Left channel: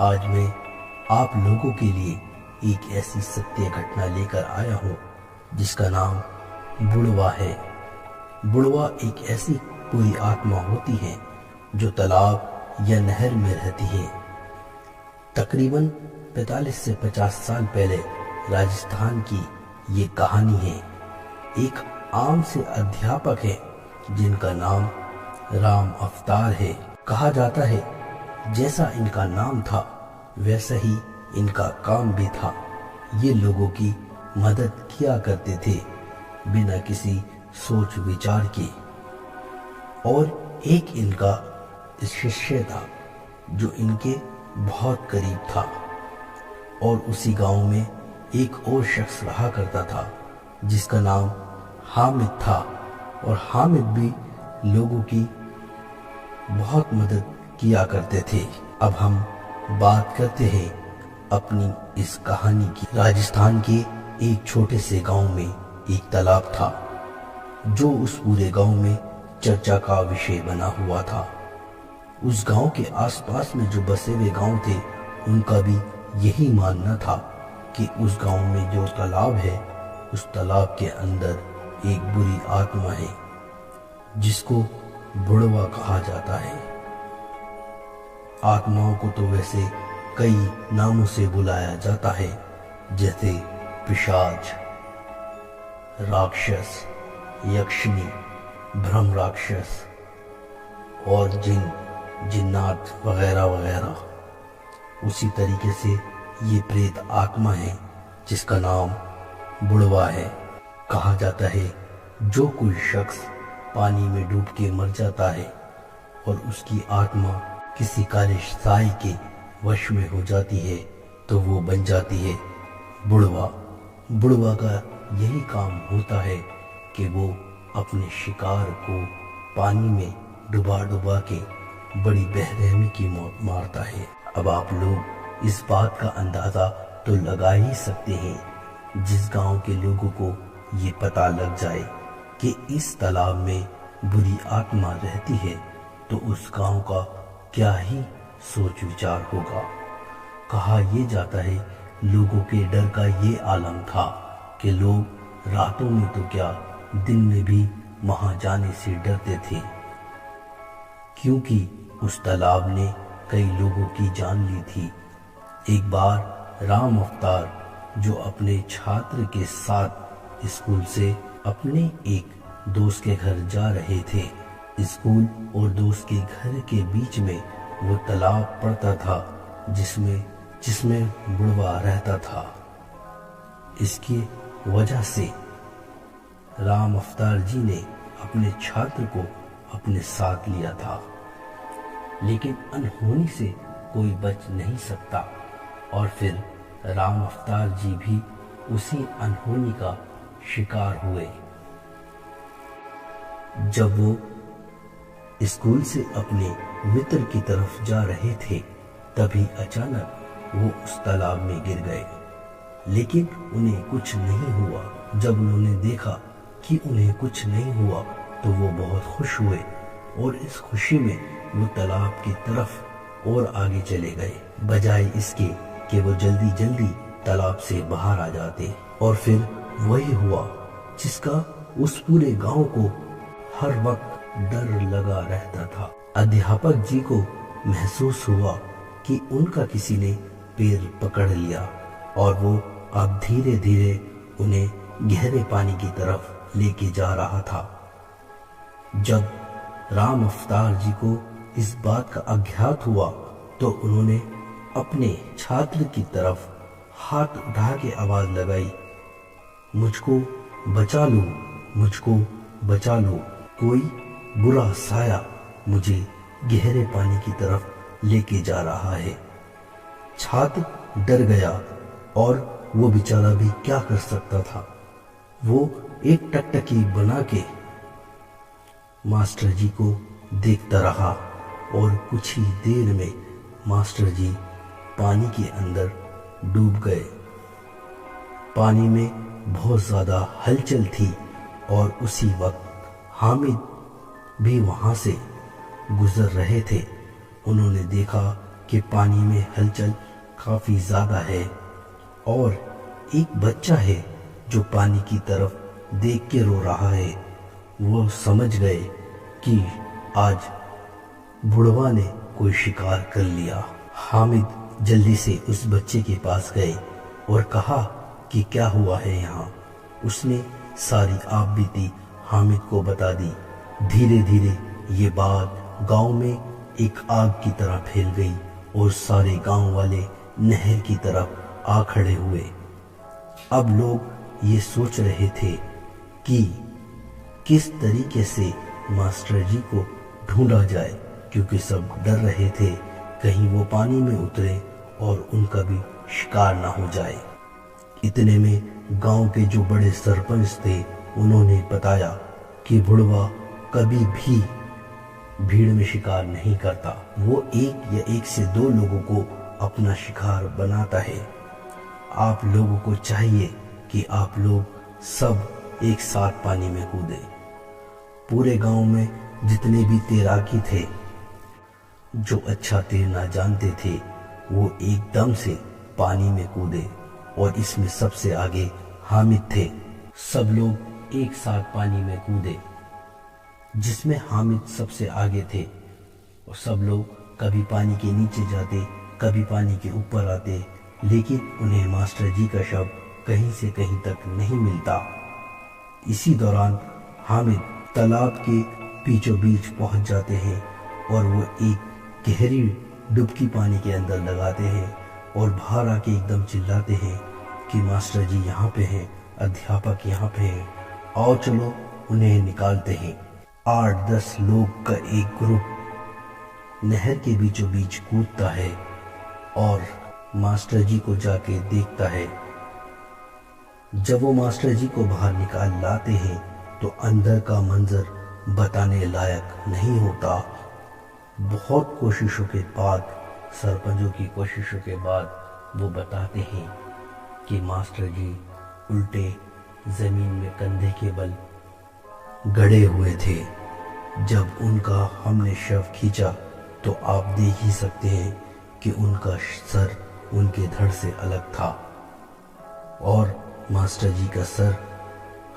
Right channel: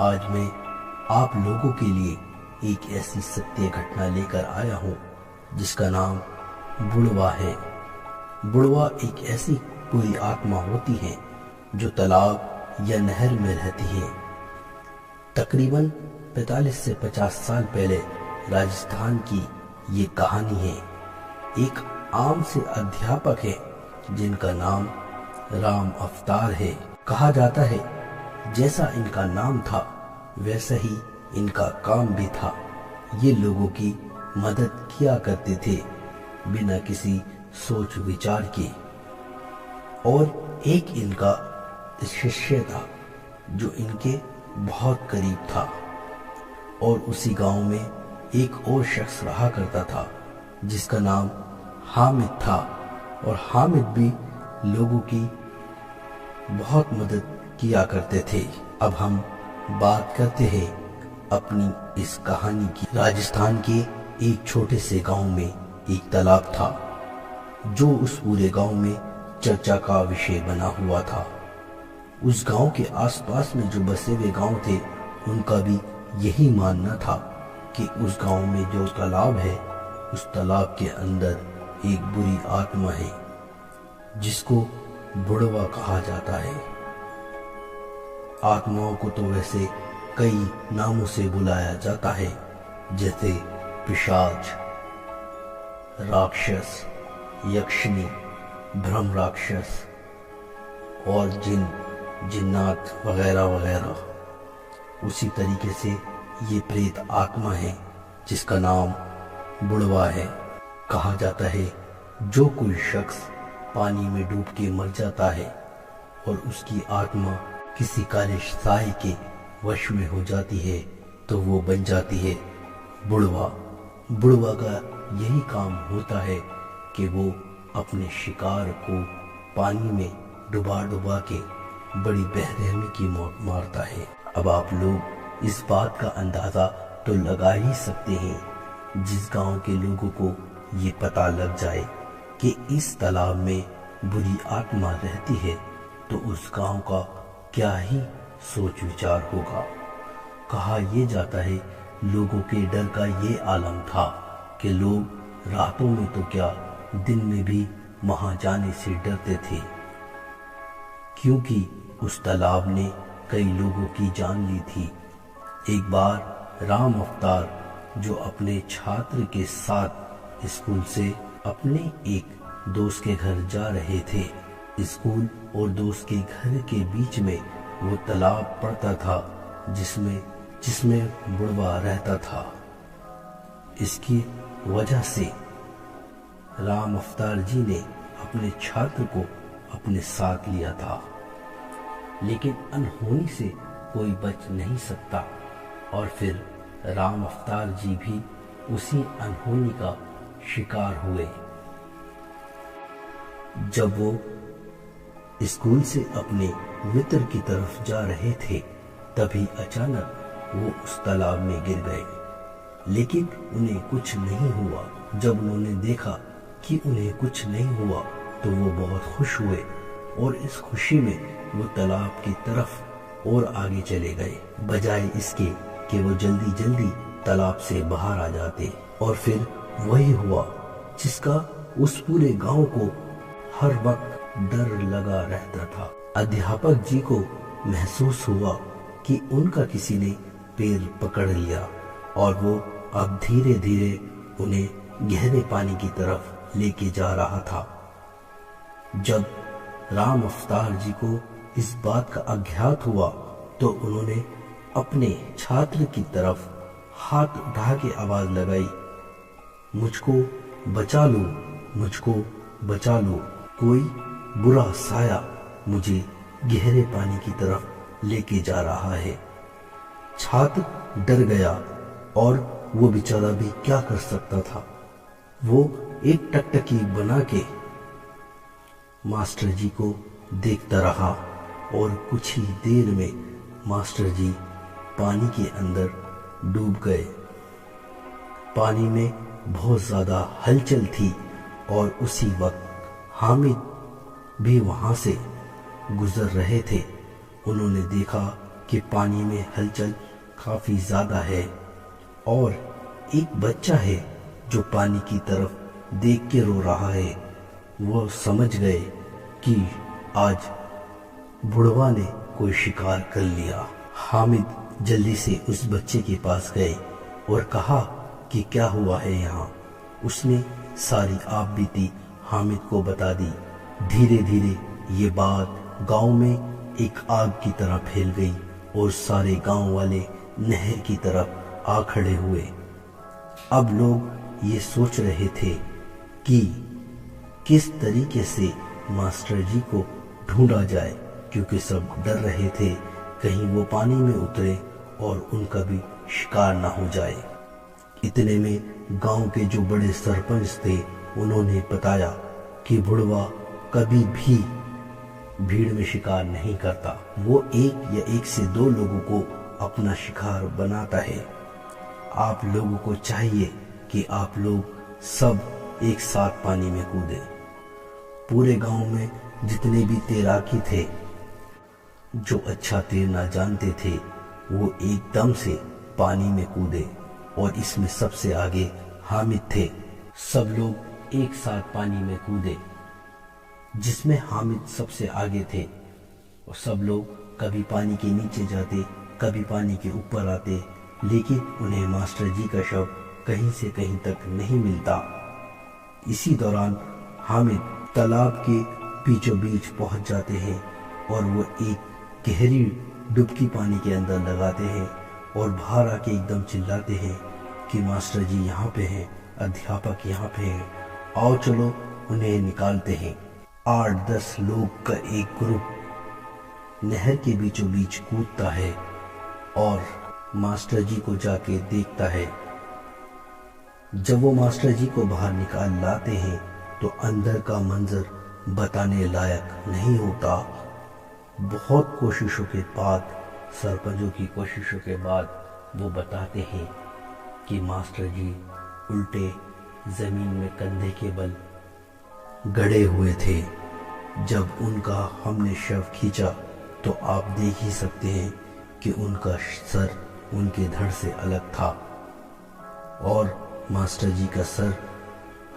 आज मैं आप लोगों के लिए एक ऐसी सत्य घटना लेकर आया हूँ जिसका नाम बुढ़वा है। बुढ़वा एक ऐसी कोई आत्मा होती है जो तालाब या नहर में रहती है। तकरीबन 45 से 50 साल पहले राजस्थान की ये कहानी है। एक आम से अध्यापक है जिनका नाम राम अवतार है। कहा जाता है जैसा इनका नाम था वैसा ही इनका काम भी था। ये लोगों की मदद किया करते थे बिना किसी सोच विचार के। और एक इनका शिष्य था जो इनके बहुत करीब था। और उसी गांव में एक और शख्स रहा करता था जिसका नाम हामिद था। और हामिद भी लोगों की बहुत मदद किया करते थे। अब हम बात करते हैं अपनी इस कहानी की। राजस्थान के एक छोटे से गांव में एक तालाब था जो उस पूरे गांव में चर्चा का विषय बना हुआ था। उस गांव के आसपास में जो बसे हुए गांव थे उनका भी यही मानना था कि उस गांव में जो तालाब है उस तालाब के अंदर एक बुरी आत्मा है जिसको बुढ़वा कहा जाता है। आत्माओं को तो वैसे कई नामों से बुलाया जाता है जैसे पिशाच, राक्षस, यक्षिणी, ब्रह्म राक्षस और जिन, जिन्नात वगैरह वगैरह। उसी तरीके से ये प्रेत आत्मा है जिसका नाम बुढ़वा है। कहा जाता है जो कोई शख्स पानी में डूब के मर जाता है और उसकी आत्मा किसी काले साए के वश में हो जाती है तो वो बन जाती है बुढ़वा। बुढ़वा का यही काम होता है कि वो अपने शिकार को पानी में डुबा डुबा के बड़ी बेरहमी की मौत मारता है। अब आप लोग इस बात का अंदाजा तो लगा ही सकते हैं जिस गांव के लोगों को ये पता लग जाए कि इस तालाब में बुरी आत्मा रहती है तो उस गांव का क्या ही सोच विचार होगा। कहा यह जाता है लोगों के डर का ये आलम था कि लोग रातों में तो क्या दिन में भी वहां जाने से डरते थे, क्योंकि उस तालाब ने कई लोगों की जान ली थी। एक बार राम अवतार जो अपने छात्र के साथ स्कूल से अपने एक दोस्त के घर जा रहे थे, स्कूल और दोस्त के घर के बीच में वो तालाब पड़ता था जिसमें बुढ़वा रहता था। इसकी वजह से राम अवतार जी ने अपने छात्र को अपने साथ लिया था, लेकिन अनहोनी से कोई बच नहीं सकता और फिर राम अवतार जी भी उसी अनहोनी का शिकार हुए। जब वो स्कूल से अपने मित्र की तरफ जा रहे थे तभी अचानक वो उस तालाब में गिर गए, लेकिन उन्हें कुछ नहीं हुआ। जब उन्होंने देखा कि उन्हें कुछ नहीं हुआ तो वो बहुत खुश हुए और इस खुशी में वो तालाब की तरफ और आगे चले गए, बजाय इसके कि वो जल्दी जल्दी तालाब से बाहर आ जाते। और फिर वही हुआ जिसका उस पूरे गांव को हर वक्त डर लगा रहता था। अध्यापक जी को महसूस हुआ कि उनका किसी ने पैर पकड़ लिया और वो अब धीरे धीरे उन्हें गहरे पानी की तरफ लेके जा रहा था। जब राम अवतार जी को इस बात का अज्ञात हुआ तो उन्होंने अपने छात्र की तरफ हाथ उठा के आवाज लगाई, मुझको बचा लो, मुझको बचा लो, कोई बुरा साया मुझे गहरे पानी की तरफ लेके जा रहा है। छात्र डर गया और वो बेचारा भी क्या कर सकता था। वो एक टकटकी बना के मास्टर जी को देखता रहा और कुछ ही देर में मास्टर जी पानी के अंदर डूब गए। पानी में बहुत ज्यादा हलचल थी और उसी वक्त हामिद भी वहां से गुजर रहे थे। उन्होंने देखा कि पानी में हलचल काफी ज्यादा है और एक बच्चा है जो पानी की तरफ देख के रो रहा है। वो समझ गए कि आज बुढ़वा ने कोई शिकार कर लिया। हामिद जल्दी से उस बच्चे के पास गए और कहा कि क्या हुआ है यहाँ। उसने सारी आप बीती हामिद को बता दी। धीरे धीरे ये बात गांव में एक आग की तरह फैल गई और सारे गांव वाले नहर की तरफ आ खड़े हुए। अब लोग ये सोच रहे थे कि किस तरीके से मास्टर जी को ढूंढा जाए, क्योंकि सब डर रहे थे कहीं वो पानी में उतरे और उनका भी शिकार ना हो जाए। इतने में गांव के जो बड़े सरपंच थे उन्होंने बताया कि बुढ़वा कभी भी भीड़ में शिकार नहीं करता। वो एक या एक से दो लोगों को अपना शिकार बनाता है। आप लोगों को चाहिए कि आप लोग सब एक साथ पानी में कूदे। पूरे गांव में जितने भी तैराकी थे, जो अच्छा तैरना जानते थे, वो एकदम से पानी में कूदे और इसमें सबसे आगे हामिद थे। सब लोग एक साथ पानी में कूदे, जिसमें हामिद सबसे आगे थे। और सब लोग कभी पानी के नीचे जाते, कभी पानी के ऊपर आते, लेकिन उन्हें मास्टर जी का शव कहीं से कहीं तक नहीं मिलता। इसी दौरान हामिद तालाब के बीचों बीच पहुंच जाते हैं और वो एक गहरी डुबकी पानी के अंदर लगाते हैं और बाहर आके एकदम चिल्लाते हैं कि मास्टर जी यहाँ पे हैं, अध्यापक यहाँ पे हैं, आओ चलो उन्हें निकालते हैं। 8-10 लोग का एक ग्रुप नहर के बीचों बीच कूदता है और मास्टर जी को जाके देखता है। जब वो मास्टर जी को बाहर निकाल लाते हैं तो अंदर का मंजर बताने लायक नहीं होता। बहुत कोशिशों के बाद, सरपंचों की कोशिशों के बाद वो बताते हैं कि मास्टर जी उल्टे जमीन में कंधे के बल गड़े हुए थे। जब उनका हमने शव खींचा तो आप देख ही सकते हैं कि उनका सर उनके धड़ से अलग था और मास्टर जी का सर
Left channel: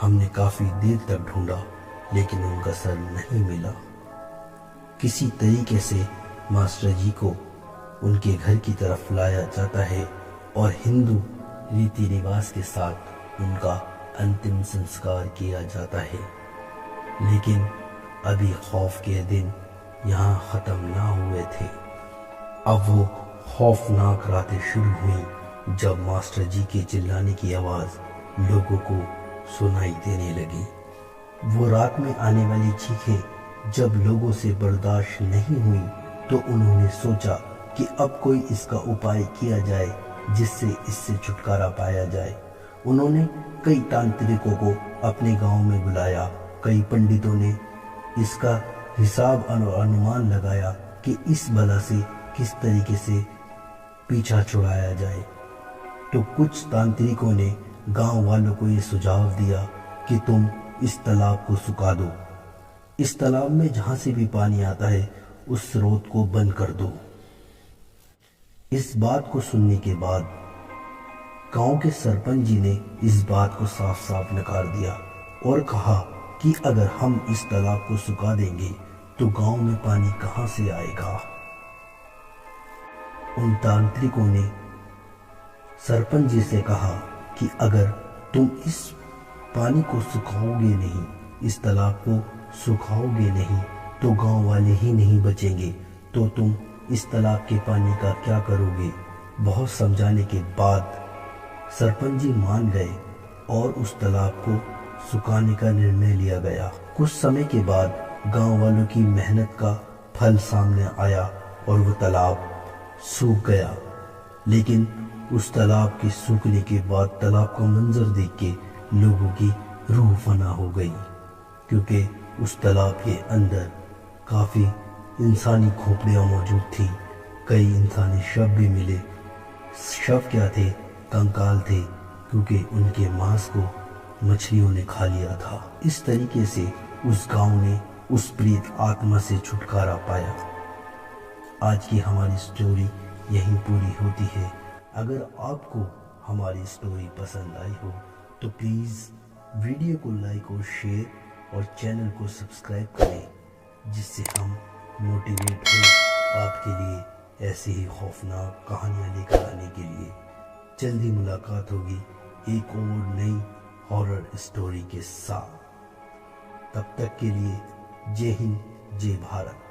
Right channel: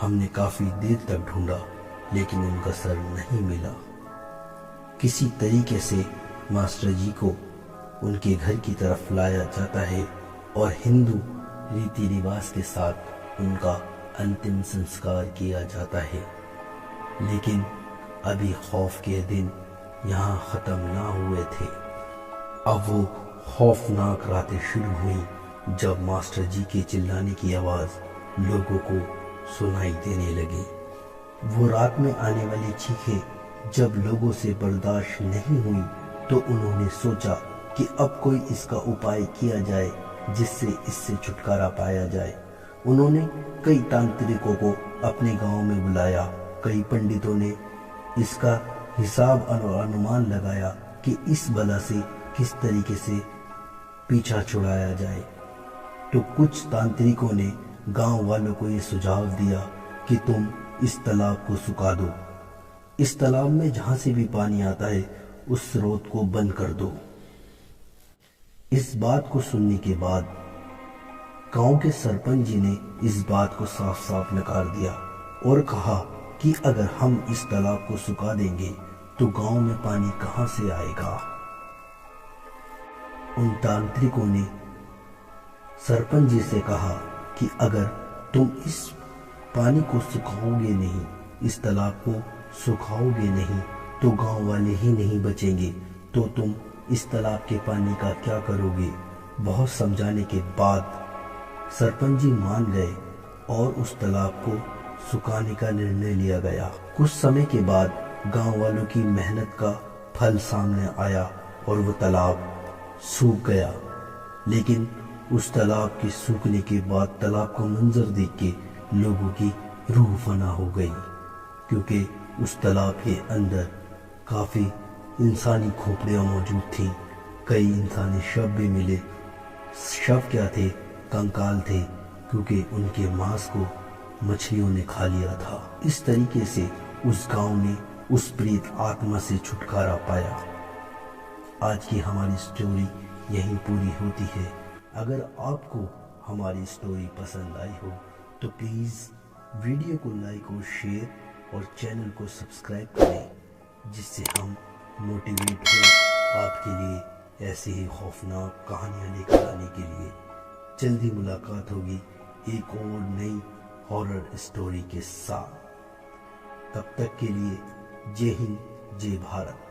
हमने काफी देर तक ढूंढा, लेकिन उनका सर नहीं मिला। किसी तरीके से मास्टर जी को उनके घर की तरफ लाया जाता है और हिंदू रीति रिवाज के साथ उनका अंतिम संस्कार किया जाता है। लेकिन अभी खौफ के दिन यहाँ खत्म ना हुए थे। अब वो खौफनाक रातें शुरू हुई जब मास्टर जी के चिल्लाने की आवाज लोगों को सुनाई देने लगी। वो रात में आने वाली चीखें जब लोगों से बर्दाश्त नहीं हुई तो उन्होंने सोचा कि अब कोई इसका उपाय किया जाए जिससे इससे छुटकारा पाया जाए। उन्होंने कई तांत्रिकों को अपने गांव में बुलाया। कई पंडितों ने इसका हिसाब अनुमान लगाया कि इस बला से किस तरीके से पीछा छुड़ाया जाए। तो कुछ तांत्रिकों ने गांव वालों को ये सुझाव दिया कि तुम इस तालाब को सुखा दो। इस तालाब में जहां से भी पानी आता है उस स्रोत को बंद कर दो। इस बात को सुनने के बाद गांव के सरपंच जी ने इस बात को साफ साफ नकार दिया और कहा कि अगर हम इस तालाब को सुखा देंगे तो गांव में पानी कहां से आएगा। उन तांत्रिकों ने सरपंच जी से कहा कि अगर तुम इस पानी को सुखाओगे नहीं, इस तालाब को सुखाओगे नहीं, तो गांव वाले ही नहीं बचेंगे, तो तुम इस तालाब के पानी का क्या करोगे। बहुत समझाने के बाद सरपंच जी मान गए और उस तालाब को सुखाने का निर्णय लिया गया। कुछ समय के बाद गांव वालों की मेहनत का फल सामने आया और वो तालाब सूख गया। लेकिन उस तालाब के सूखने के बाद तालाब का मंजर देख के लोगों की रूह फना हो गई, क्योंकि उस तालाब के अंदर काफी इंसानी खोपड़ियां मौजूद थीं। कई इंसानी शव भी मिले। शव क्या थे? कंकाल थे, क्योंकि उनके मांस को मछलियों ने खा लिया था। इस तरीके से उस गांव ने उस प्रेत आत्मा से छुटकारा पाया। आज की हमारी स्टोरी यहीं पूरी होती है। अगर आपको हमारी स्टोरी पसंद आई हो तो प्लीज़ वीडियो को लाइक और शेयर और चैनल को सब्सक्राइब करें, जिससे हम मोटिवेट हो आपके लिए ऐसी ही खौफनाक कहानियाँ लेकर आने के लिए। जल्दी मुलाकात होगी एक और नई हॉरर स्टोरी के साथ। तब तक के लिए जय हिंद, जय भारत।